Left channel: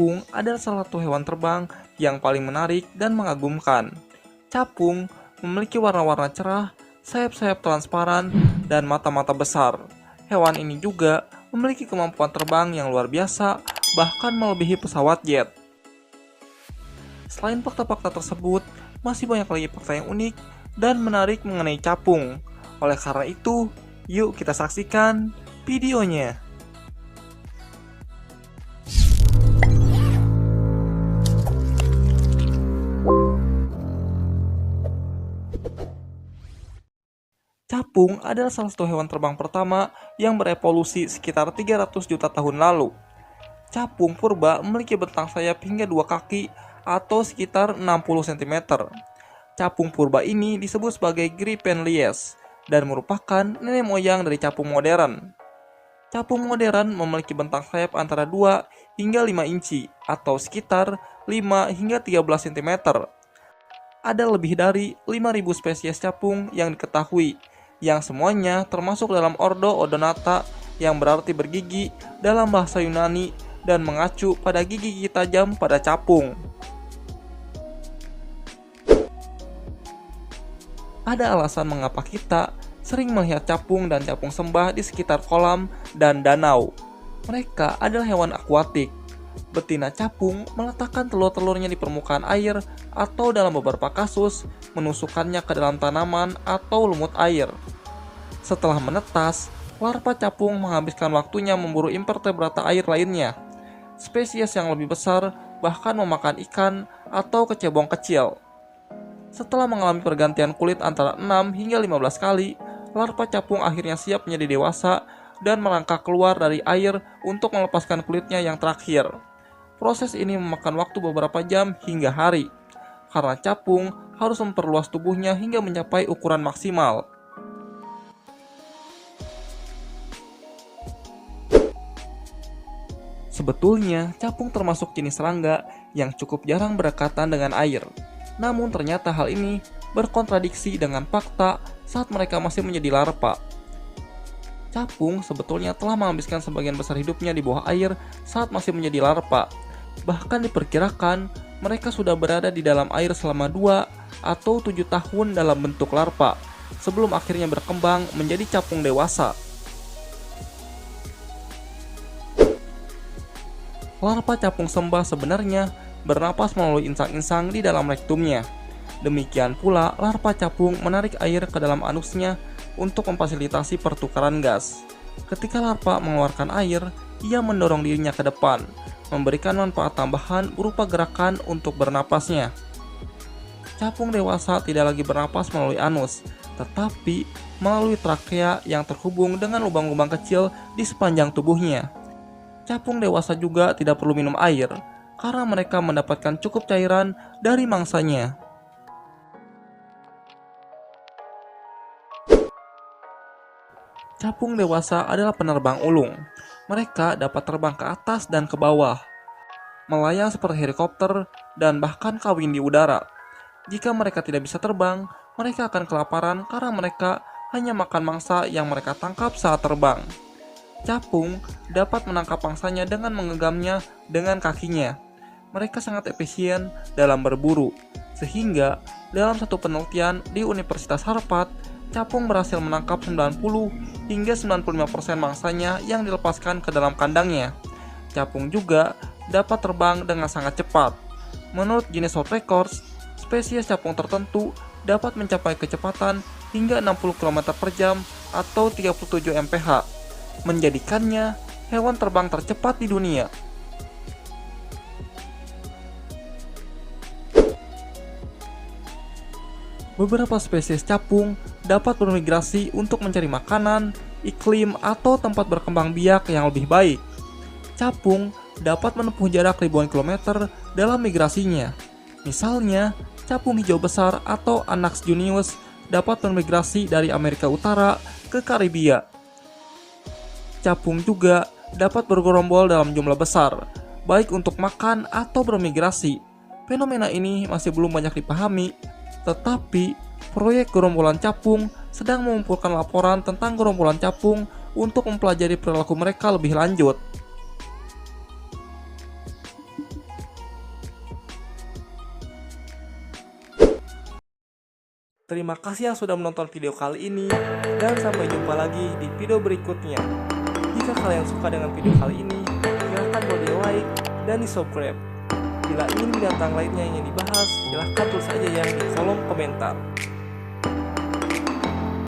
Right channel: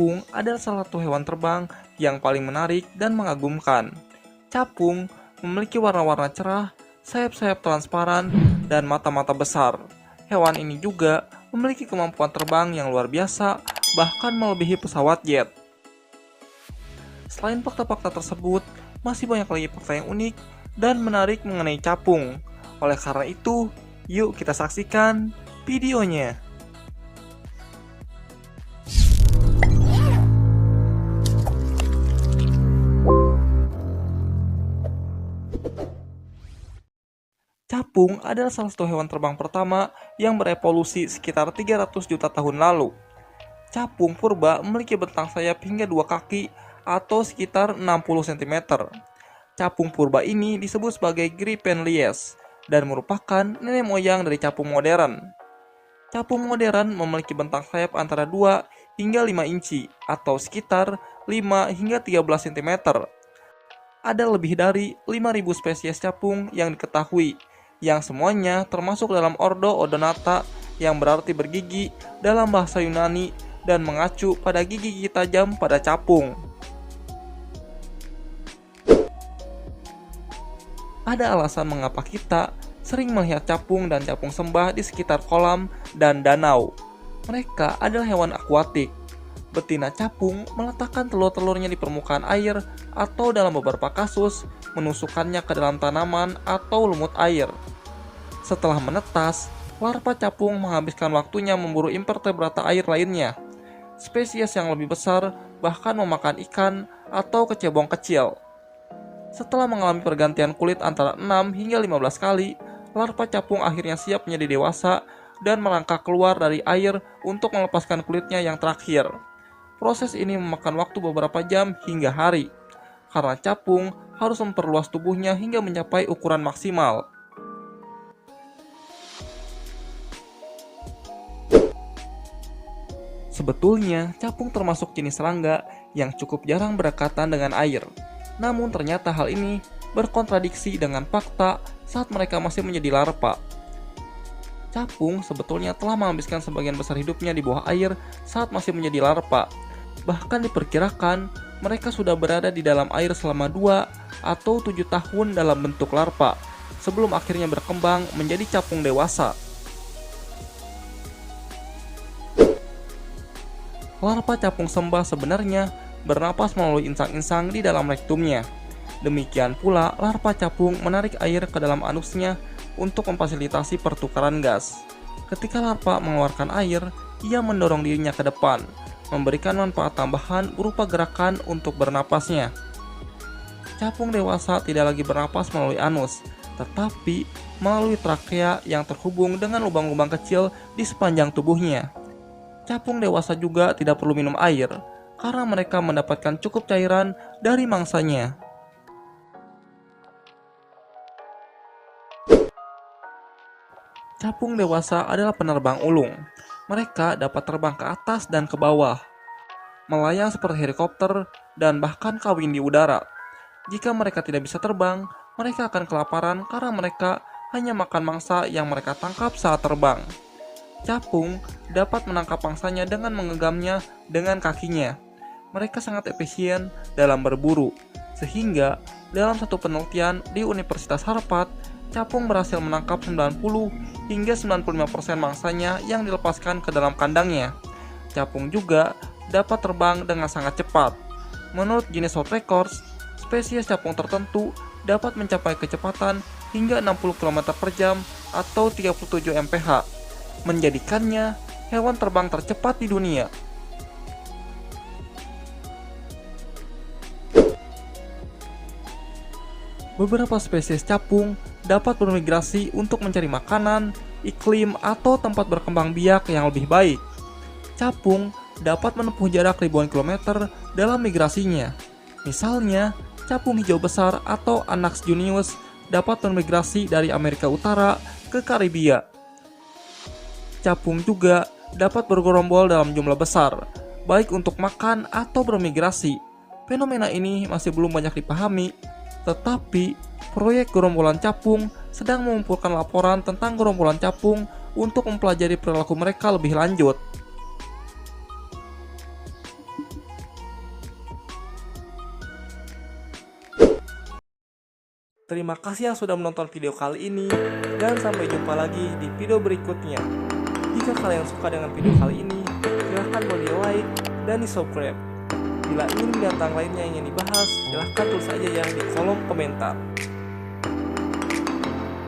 Capung adalah salah satu hewan terbang yang paling menarik dan mengagumkan. Capung memiliki warna-warna cerah, sayap-sayap transparan, dan mata-mata besar. Hewan ini juga memiliki kemampuan terbang yang luar biasa, bahkan melebihi pesawat jet. Selain fakta-fakta tersebut, masih banyak lagi fakta yang unik dan menarik mengenai capung. Oleh karena itu, yuk kita saksikan videonya. Capung adalah salah satu hewan terbang pertama yang berevolusi sekitar 300 juta tahun lalu. Capung purba memiliki bentang sayap hingga 2 kaki atau sekitar 60 cm. Capung purba ini disebut sebagai Gripenlies dan merupakan nenek moyang dari capung modern. Capung modern memiliki bentang sayap antara 2 hingga 5 inci atau sekitar 5 hingga 13 cm. Ada lebih dari 5.000 spesies capung yang diketahui, yang semuanya termasuk dalam ordo Odonata yang berarti bergigi dalam bahasa Yunani dan mengacu pada gigi-gigi tajam pada capung. Ada alasan mengapa kita sering melihat capung dan capung sembah di sekitar kolam dan danau. Mereka adalah hewan akuatik. Betina capung meletakkan telur-telurnya di permukaan air atau dalam beberapa kasus menusukkannya ke dalam tanaman atau lumut air. Setelah menetas, larva capung menghabiskan waktunya memburu invertebrata air lainnya. Spesies yang lebih besar bahkan memakan ikan atau kecebong kecil. Setelah mengalami pergantian kulit antara 6 hingga 15 kali, larva capung akhirnya siap menjadi dewasa dan melangkah keluar dari air untuk melepaskan kulitnya yang terakhir. Proses ini memakan waktu beberapa jam hingga hari, karena capung harus memperluas tubuhnya hingga mencapai ukuran maksimal. Sebetulnya, capung termasuk jenis serangga yang cukup jarang berdekatan dengan air. Namun ternyata hal ini berkontradiksi dengan fakta saat mereka masih menjadi larva. Capung sebetulnya telah menghabiskan sebagian besar hidupnya di bawah air saat masih menjadi larva. Bahkan diperkirakan mereka sudah berada di dalam air selama 2 atau 7 tahun dalam bentuk larva, sebelum akhirnya berkembang menjadi capung dewasa. Larva capung sembah sebenarnya bernapas melalui insang-insang di dalam rektumnya. Demikian pula larva capung menarik air ke dalam anusnya untuk memfasilitasi pertukaran gas. Ketika larva mengeluarkan air, ia mendorong dirinya ke depan, memberikan manfaat tambahan berupa gerakan untuk bernapasnya. Capung dewasa tidak lagi bernapas melalui anus, tetapi melalui trakea yang terhubung dengan lubang-lubang kecil di sepanjang tubuhnya. Capung dewasa juga tidak perlu minum air, karena mereka mendapatkan cukup cairan dari mangsanya. Capung dewasa adalah penerbang ulung. Mereka dapat terbang ke atas dan ke bawah, melayang seperti helikopter, dan bahkan kawin di udara. Jika mereka tidak bisa terbang, mereka akan kelaparan karena mereka hanya makan mangsa yang mereka tangkap saat terbang. Capung dapat menangkap mangsanya dengan mengenggamnya dengan kakinya. Mereka sangat efisien dalam berburu, sehingga dalam satu penelitian di Universitas Harvard, capung berhasil menangkap 90 hingga 95% mangsanya yang dilepaskan ke dalam kandangnya. Capung juga dapat terbang dengan sangat cepat. Menurut Guinness World Records, spesies capung tertentu dapat mencapai kecepatan hingga 60 km per jam atau 37 mph, menjadikannya hewan terbang tercepat di dunia. Beberapa spesies capung dapat bermigrasi untuk mencari makanan, iklim, atau tempat berkembang biak yang lebih baik. Capung dapat menempuh jarak ribuan kilometer dalam migrasinya. Misalnya, capung hijau besar atau Anax junius dapat bermigrasi dari Amerika Utara ke Karibia. Capung juga dapat bergerombol dalam jumlah besar, baik untuk makan atau bermigrasi. Fenomena ini masih belum banyak dipahami, tetapi proyek gerombolan capung sedang mengumpulkan laporan tentang gerombolan capung untuk mempelajari perilaku mereka lebih lanjut. Terima kasih yang sudah menonton video kali ini, dan sampai jumpa lagi di video berikutnya. Jika kalian suka dengan video kali ini, silahkan boleh di like dan di subscribe. Bila ingin binatang lainnya yang ingin dibahas, silahkan tulis saja ya di kolom komentar.